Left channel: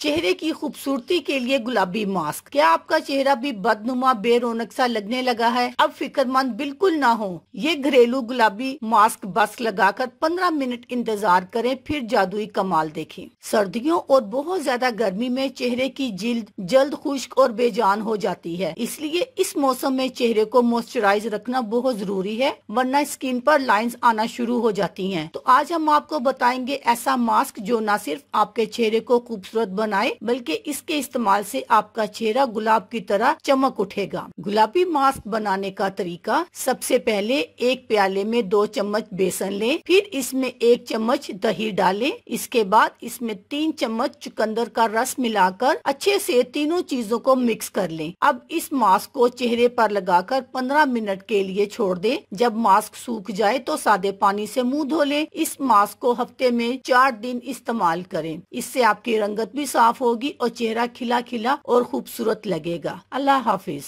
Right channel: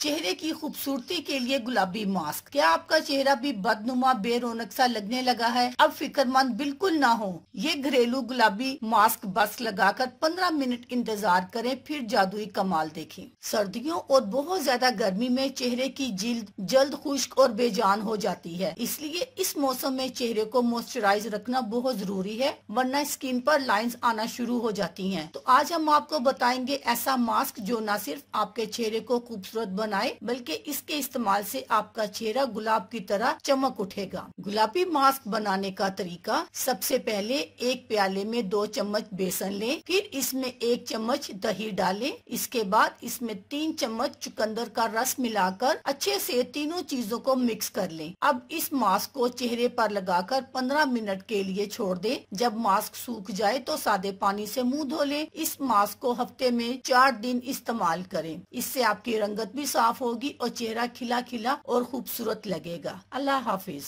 चेहरे की खूबसूरती के लिए गुलाबी मास्क। क्या आपका चेहरा भी बदनुमा बेरौनक सा लगने लगा है? अब फिक्रमंद बिल्कुल ना हो। ये घरेलू गुलाबी मास्क बस लगाकर 15 मिनट इंतजार करें, फिर जादुई कमाल देखें। सर्दियों और बहुत ज्यादा गर्मी में चेहरे की जिल्द जल्द खुश्क और बेजान हो जाती है, इसलिए इस मौसम में चेहरे को मॉइस्चराइज रखना बहुत जरूरी है, वरना स्किन पर लाइंस आना शुरू हो जाती हैं। तो आज हम आपको बताएंगे ऐसा मास्क जो न सिर्फ आपके चेहरे को खूबसूरत बनाए, बल्कि इसके इस्तेमाल से आपका चेहरा गुलाब की तरह चमक उठेगा। गुलाबी मास्क बनाने का तरीका। सबसे पहले एक प्याले में 2 चम्मच बेसन लें, फिर इसमें 1 चम्मच दही डालें। इसके बाद इसमें 3 चम्मच चुकंदर का रस मिलाकर अच्छे से तीनों चीजों को मिक्स कर लें। अब इस मास्क को चेहरे पर लगाकर 15 मिनट के लिए छोड़ दें। जब मास्क सूख जाए तो सादे पानी से मुंह धो लें। इस मास्क को हफ्ते में 4 दिन इस्तेमाल करें। इससे आपकी रंगत भी साफ होगी और चेहरा खिला खिला और खूबसूरत लगेगा। अल्लाह हाफिज।